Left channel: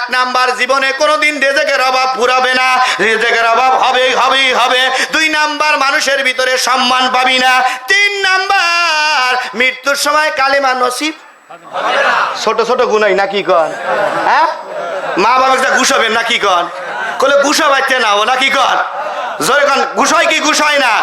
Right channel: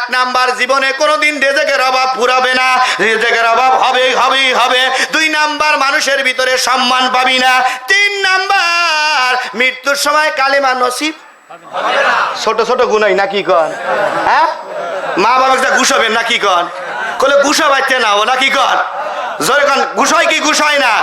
এক নাম্বার জীবনে কোনোদিন রেজেকের অভাব পুরাবে না। রেজেকের অভাব হবে হবেই, হবে। দুই নাম্বার মানুষের ভিতরে সম্মান পাবি না। তিন নাম্বার মৃত্যুর সময় কালেমা নসিব ছোট ছোট গুনাই নাকি কন? হ্যাঁ? মা বাবা ঘুষাবেন নাকি কন? কলে ঘুষা বাইতে নাও নাকি কন? জোরে ঘুষয় কি ঘুষয় না?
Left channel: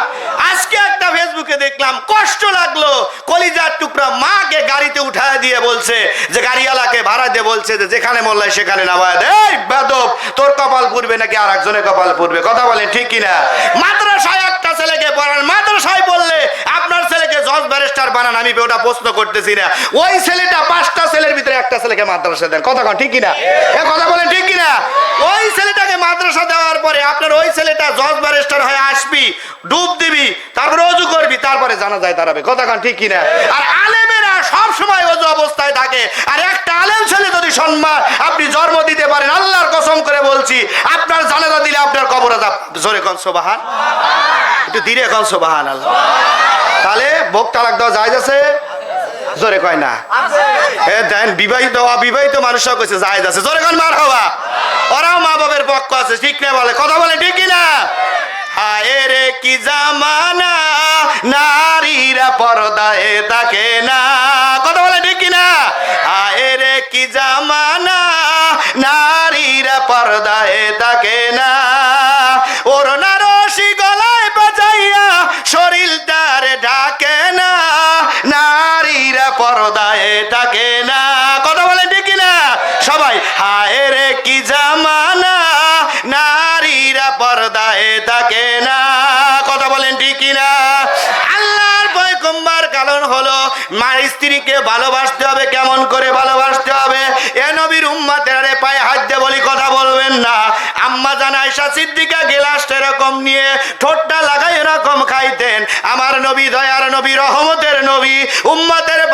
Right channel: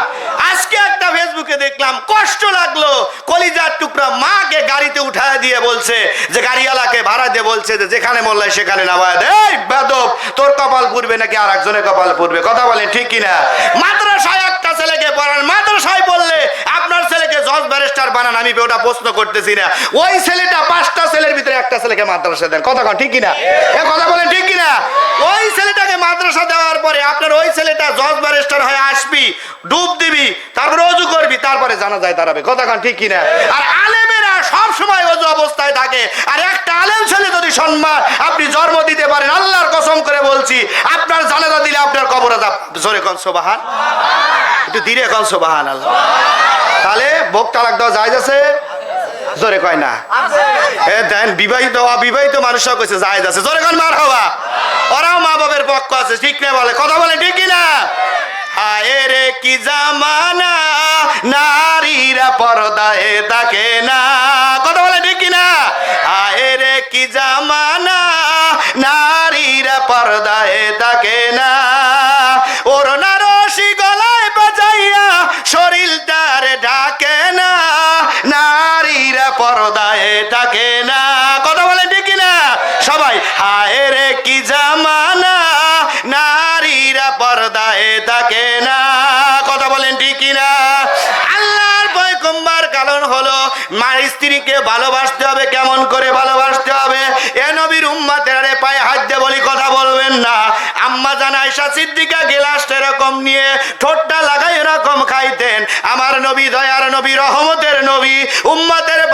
আজকে একটা ফেসবুকে দেখলাম, কষ্ট লাগল। কলিজার টুকরা মাকে গাড়িতে উঠায় দিয়ে বলছে, যে গাড়িওয়ালাকে ভাড়া দিয়ে বলছে যে যেখানে মোল্লায় সেখানে নামায় এই বেদব, তোর কপাল পুরবে নাকি আর একজনের কপাল পুরবে কথা বলেন ঠিক কিনা? মাদ্রাসায় একটা ছেলেকে পড়ান। মাদ্রাসায় বললে আপনার জজ ব্যারিস্টার বানান, আমি ওটা প্রশ্ন করতেছি না। ওই ছেলেটা পাঁচটা ছেলের ভিতরে একটা ছেলেকে মাদ্রাসা দেন। কথা ঠিক কিনা? এ কথা বলেন, ঠিক কিনা? ওই ছেলেটাকে মাদ্রাসা দেওয়ার পরে আপনার ওই ছেলেটা জজ ব্যারিস্টার হয়ে আসবি, ডুব দিবি, তারপরে অজু করবি, তারপরে জানা যায় দাঁড়াবে। কথা ঠিক কিনা? আর আলেমেরা সব সময় অজু অবস্থায় থাকে। আর একটা আলেম ছেলে যদি সম্মান আপনি জন্ম দিতে পারেন, আল্লাহর কসম করে বলছি, আপনার জানাজা দিলে আপনার কবর জোরে কন, সোবাহান। একটু ধীরে কন সোবাহান আল্লাহ তাহলে ভোগ তালাক দেওয়া যায় আছে? জোরে কয় না। এ দেন, বিবাহিত, অবিবাহিত মানুষও কইছে আছে। জোরে কন মার হওয়া। ওরাও মা বাবার পক্ষ আছে, ঠিক না বলে? কথা বলে ঠিক কি না? হায় রে কি জামানা, নারীরা পর্দায় থাকে না। কথা বলে ঠিক না? হায় রে কি জামানা, নারীরা পর্দায় নারীরা পর্দায় থাকে না। কথা বলে ঠিক না সবাই, হায় রে, কি জামানা। নারীরা পর্দায় থাকে না। কথা বলেন ঠিক না আল্লাহর ভয় কারণ হলো মার স্ত্রীকে ভালোবাসতে হবে, কেমন করে ভালোবাসতে হবে? এ নবীর উম্মাতের পায়ে হাত দিয়ে বলি কথা বলবেন না আম্মা সিদ্দিকা এরকম নিয়ে ঠোঁটটা লাগাই এরকম খাইতেন। আমার নবী দয়ার নবী, রহমতের নবী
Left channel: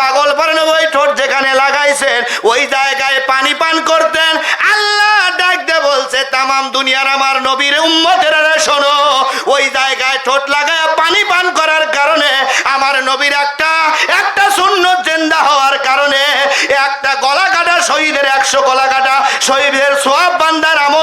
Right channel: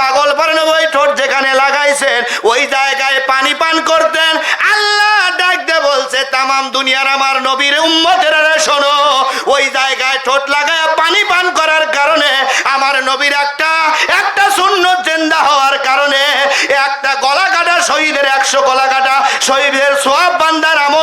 পাগল ওই ঠোঁট যেখানে লাগাইছেন, ওই জায়গায় পানি পান করতেন। আল্লাহ ডাকতে বলছে, তামাম দুনিয়ার আমার নবীর উম্মতের শোনো, ওই জায়গায় ঠোঁট লাগায় পানি পান করার কারণে আমার নবীর একটা একটা শূন্য জেন্দা হওয়ার কারণে, একটা গলা কাটা শহীদের একশো গলা কাটা শহীদের সোয়াব বান্দার আমল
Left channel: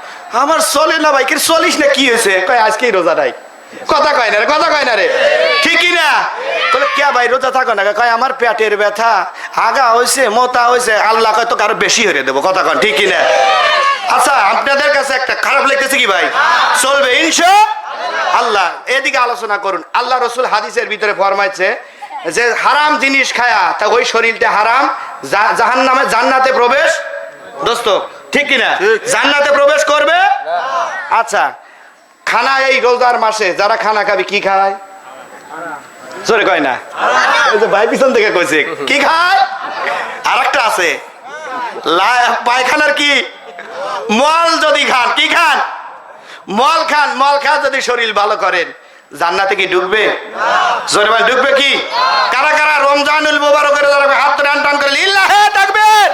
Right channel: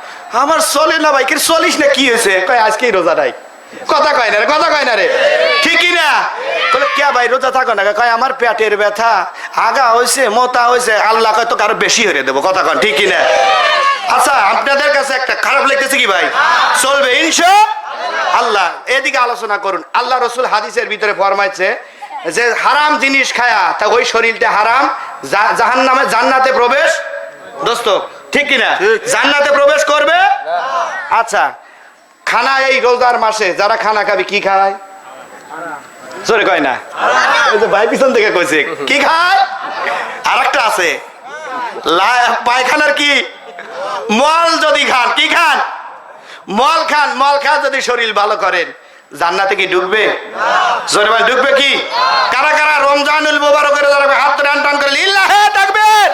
আমার চলে না ভাই কি চলিস না, কি হয়েছে? কয়, আজকেই রোজা নাই। কথা কয় না রে, কথা কয় না রে। ঠিকই না? বলে কে ভাই, রোজা থাকো না? কয়, আমার পেটের ব্যথা, আগা হয়েছে মোতা হয়েছে আল্লাহ কয়, তোকে আরও বেশি হয়ে দেবো। কথা কন, ঠিকই না? আচ্ছা আপনাদের কাছে একটা খারাপ লেগেছে কি ভাই? চলবে, ইনশা আল্লাহ। এদিকে আলোচনা করুন। আল্লাহ রসুল হাদিসের ভিতরে ফরমাইছে যে, হারাম জিনিস খায়া, তা ওই শরীরটা হারাম জাহান নামে জান্নাতে প্রবেশ। দোস্ত ঠিক কিনা? জান্নাতে প্রবেশ করবে? আচ্ছা খানা এই রোজার মাসে যারা খানা খাবে কি খায়? জোরে কয় না। ভাই পিছন থেকে কইছে কি খায়? আর একটা আছে পায়খানার কি? মল যদি খান কি খান? মল খান মল খা যদি শরীর ভালো করেন জান্নাতে কি ঢুকবে জোরে ভাই ঢুকবে কি? কারা কারা রমজানুল মুবারকের যারা হাত টান টান করে লিল্লাহে তাকবীর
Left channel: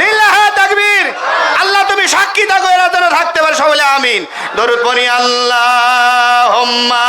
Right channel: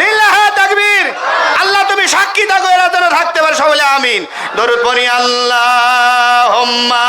লিল্লাহে তাকবীর আল্লাহ তুমি সাক্ষী থাকো এরা যেন থাকতে পারে আমিন। দরুদ পড়ি আল্লাহুম্মা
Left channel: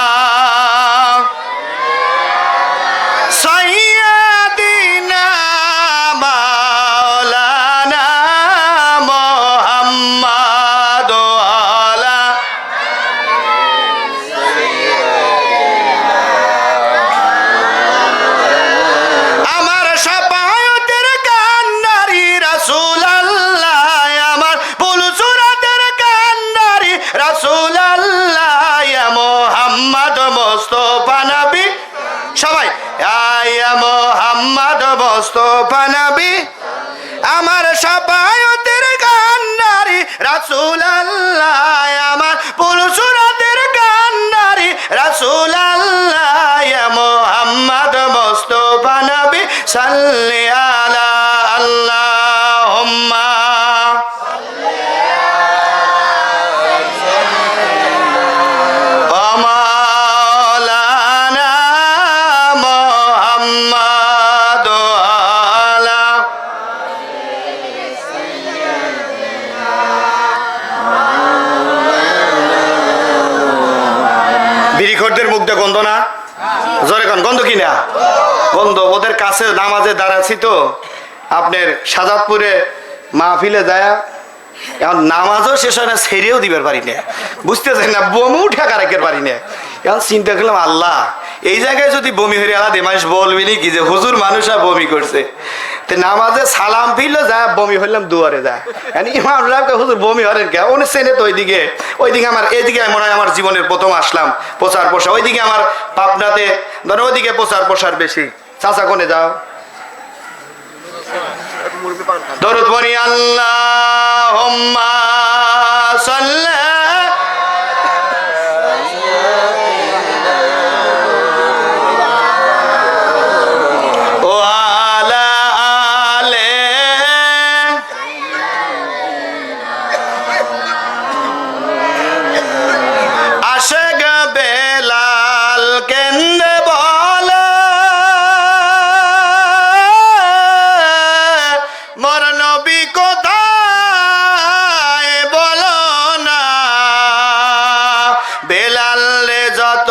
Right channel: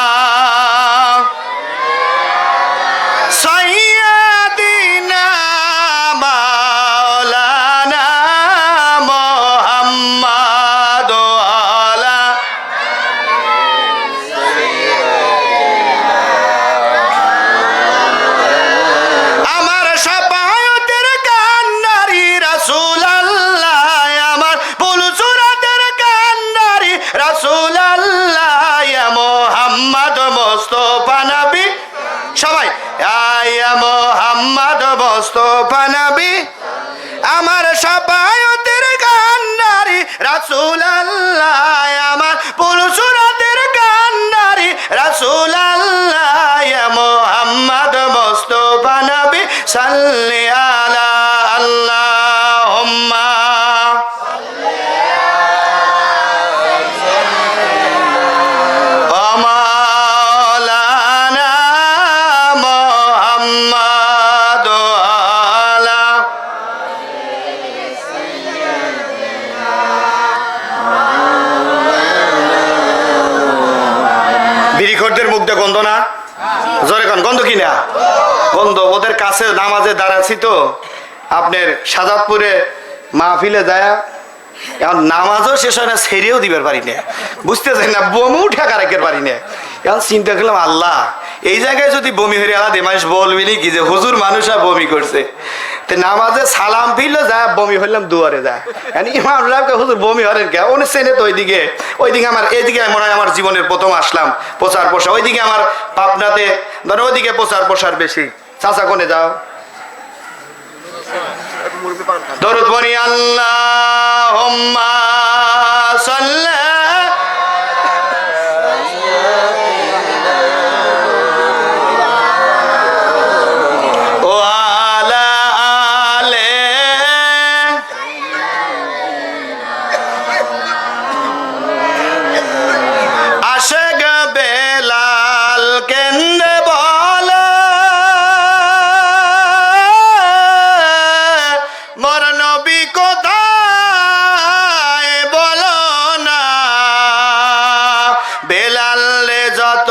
মোস্তফা নবী আমার সাবায়তের কান্ডারি রাসুল আল্লাহ আমার পুরুষরাতের কান্ডারি রাসুল আল্লাহ মোহাম্মদ মোস্তফা নবী সাল্লিয়া বিড়িখোরদের মুখ গন্ধ না? জোরে কন, গন্ধ কি না? গন্ধ, ওদের কাছে নামাজে দাঁড়াচ্ছি তো। আপনার সাজাদপুরে মাহফিলে যায়, এখন নামাজও শেষ হয় না ছেড়েও দিবার পারি না। বুঝতেছেন না, বমু ঠেকা রাখতে পারি না। এখন চিন্তা করলাম, আল্লাহ, এই জায়গায় যদি বমি হয়ে আলাদা মানুষ বলবি কি যে হুজুর মানুষ আর বমি করছে। নামাজে সালাম যা বমি হইলাম দুয়ারে ইমাম হুজুর বমি হরেন কে? উনি তো ওইদিকে ওইদিকে আমার, এইদিকে মনে হয় আমার জীবনের প্রথম আসলাম, প্রচার প্রসার। ওইদিকে আমার পাবনাতে, ধরো ওইদিকে প্রচার প্রসার বেশি। চাচা কোনে যাও? দরদ বনি আল্লাহ যত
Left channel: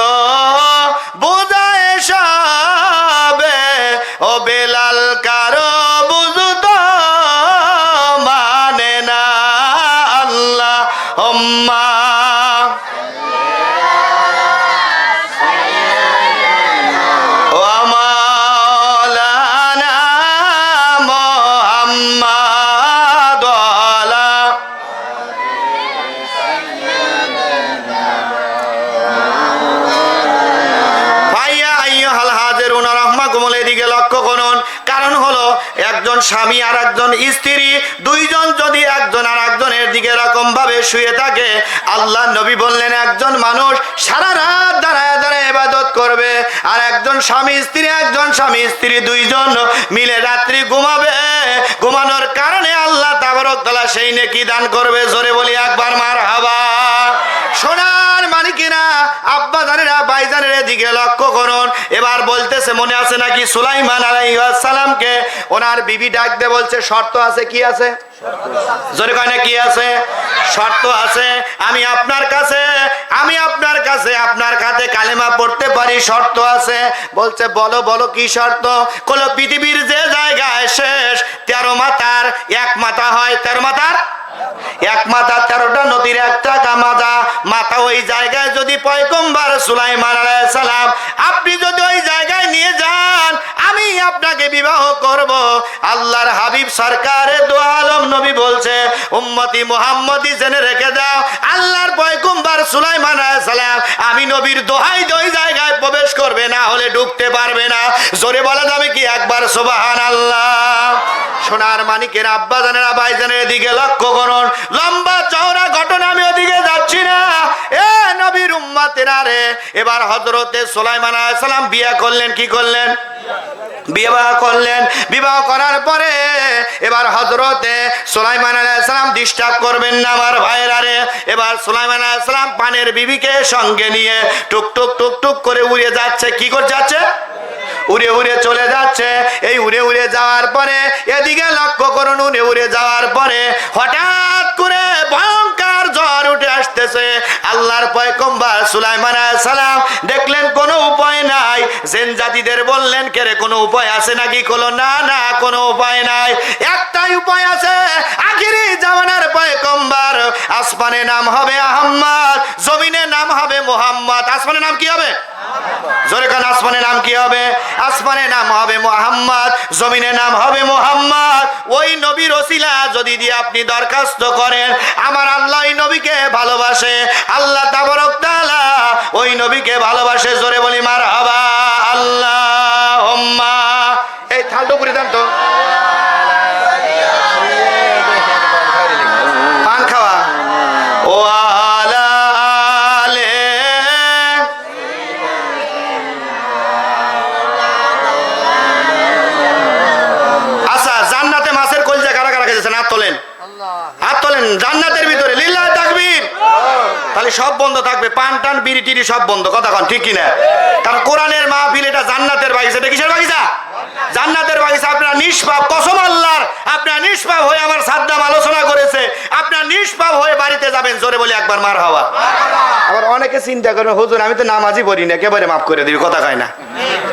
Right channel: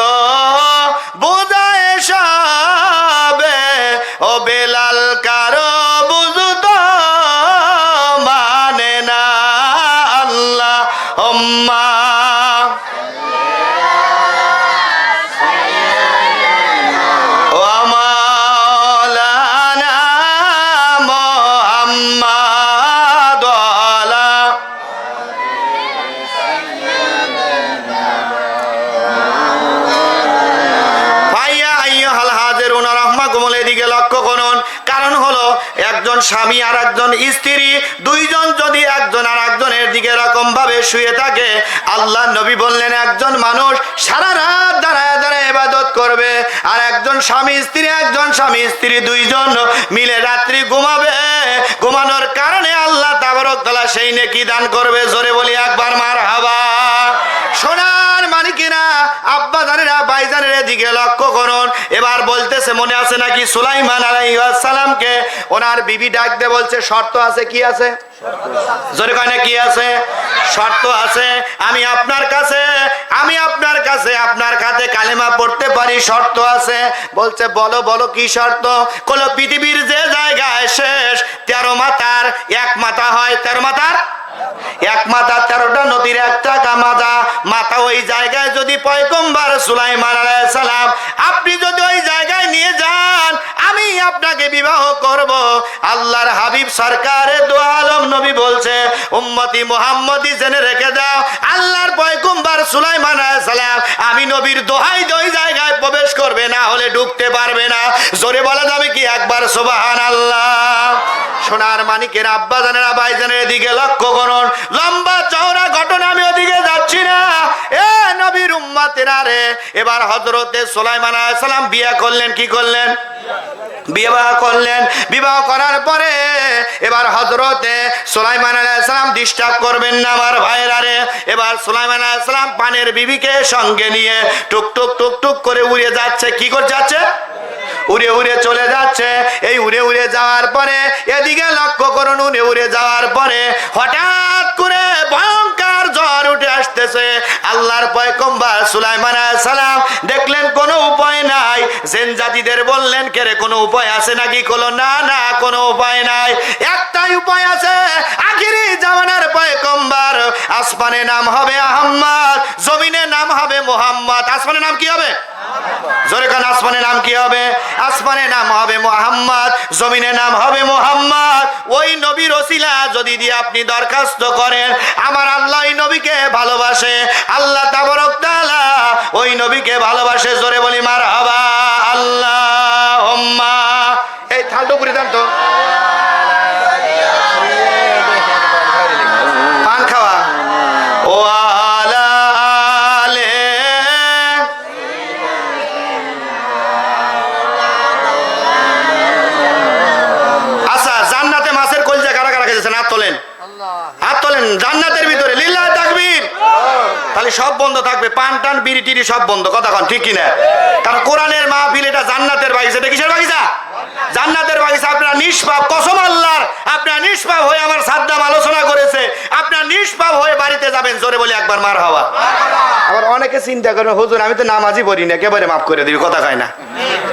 একজন স্বামী আর একজন স্ত্রী, দুইজন যদি একজন আর একজনের দিকে এরকম ভাবে শুয়ে থাকে, আল্লাহ নবী বললেন, একজন মানুষ সারা রাত দাঁড়ায় দাঁড়ায় ইবাদত করবে, আর একজন স্বামী স্ত্রী, একজন স্বামী স্ত্রী দুইজন মিলে রাত্রি ঘুমাবে। ঘুমানোর কারণে আল্লাহ তাবারক সেই নেকি দান করবে। জোরে বলি একবার মার হাবা সোনার মানিকেরা আব্বা জানেরা, ভাই জানেরা দিকে লক্ষ্য করুন। এবার বলতেছে, মনে আছে নাকি সুলাইমান আলাইসালামকে ওনার বিবি ডাকতে বলছে, শর্ত আছে, কি আছে? জোরে কয় কি আছে? শর্ত আছে, আমি আপনার কাছে, আমি আপনার কাছে আপনার কাছে কালেমা পড়তে পারি, শর্ত আছে। বলছে, বলো বলো, কি শর্ত? কোন পৃথিবীর যে জায়গায় শেষ, তেরো মাতার, এক মাথা হয়, তেরো মাতার এক মাথা তেরোটা, নদীর একটা কামাজা মাথা ওই জায়গায় যদি পয়কম্বার সুলাইমান সালাম, আপনি যদি ওই জায়গায় নিয়ে যান, আমি আপনাকে বিবাহ করব। আল্লাহর হাবিব সরকারে দোয়ালম নবী বলছে, উম্মতি মোহাম্মদি জেনে রেখে দাও, আল্লাহর পয়কম্বার সুলাইমান সালাম, আমি নবীর দোহাই ওই জায়গায় প্রবেশ করবে, না হলে ঢুকতে পারবে না। জোরে বলা যাবে কি একবার সোবাহান আল্লাহ সোনার মানিকের আব্বা জানেরা ভাই জানের দিকে লক্ষ্য করুন। লম্বা চওড়া ঘটনা আমি ওদিকে যাচ্ছি না। এ নবীর উম্মাতেরা রে এবার হজরতে সোলাইমান সালাম বিয়ে করলেন, কি করলেন? বিবাহ করলেন। বিবাহ করার পরে এবার হজরতে সোলাইমান আলাইসালাম ডিস্টার্ব করবেন না আমার ভাইয়েরা রে। এবার সোলাইমান আলাইসালাম পানের বিবিকে সঙ্গে নিয়ে টুক টুক টুক টুক করে উড়ে যাচ্ছে। কি করে যাচ্ছে? উড়ে উড়ে চলে যাচ্ছে। এই উড়ে উড়ে যাওয়ার পরে এদিকে লক্ষ্য করুন, উড়ে উড়ে যাওয়ার পরে হঠাৎ করে ভয়ঙ্কর জ্বর উঠে আসতেছে। আল্লাহর পয়কম্বার সুলাইমান সালাম দেখলেন, কোনো উপায় নাই। জেন জাতিদের বললেন কেরে কোনো উপায় আছে নাকি? কোনো না না, কোনো উপায় নাই। একটাই উপায় আছে। আখিরি জামানার পয়কম্বার আসমানে নাম হবে আহম্মদ জমিনে নাম হবে মোহাম্মদ। আসমানে নাম কি হবে? জোরে কান, আসমানের নাম কি হবে? আসমানের নাম হবে মোহাম্মদ, জমিনের নাম হবে মোহাম্মদ। ওই নবীর ওসিলা যদি দিয়ে আপনি দরখাস্ত করেন, আমার আল্লাহ ওই নবীকে ভালোবাসে। আল্লাহ তাবরক তালা ওই নবীকে ভালোবাসে, জোরে বলি মার তোলেন। হাত তোলেন জান্নাতের ভিতরে লীলা তাকবীর। তাহলে সব বন্ধ থাকবে, পান টান, বিড়ি টিড়ি সব বন্ধ। কথা কন, ঠিক কিনা? কারণ কোরআনের মাহফিল এটা জান্নাতের বাগিচা, এটা কিসের বাগিচা? জান্নাতের বাগিচা, আপনার নিষ্পাপ, কসম আল্লাহর, আপনার নিষ্পাপ হয়ে আমার সাদ্দাম আলোচনা করেছে। আপনার নিষ্পাপ হয়ে বাড়িতে যাবেন, জোরে বলে একবার মার হওয়া। আবার অনেকে চিন্তা করবে হুজুর, আমি তো নামাজই পড়ি না একেবারে মাফ করে দিবি? কথা কয় না।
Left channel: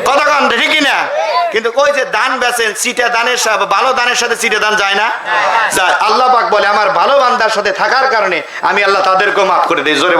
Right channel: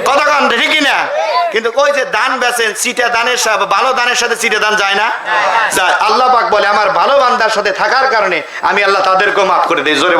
কথা কন ঠিকই না? কিন্তু ওই যে দান বেচেন, চিটা দানের সাথে, ভালো দানের সাথে চিটে দান যায় না? আল্লাহ পাক বলে, আমার ভালো বান্দার সাথে থাকার কারণে আমি আল্লাহ তাদেরকেও মাফ করে দিই। জোরে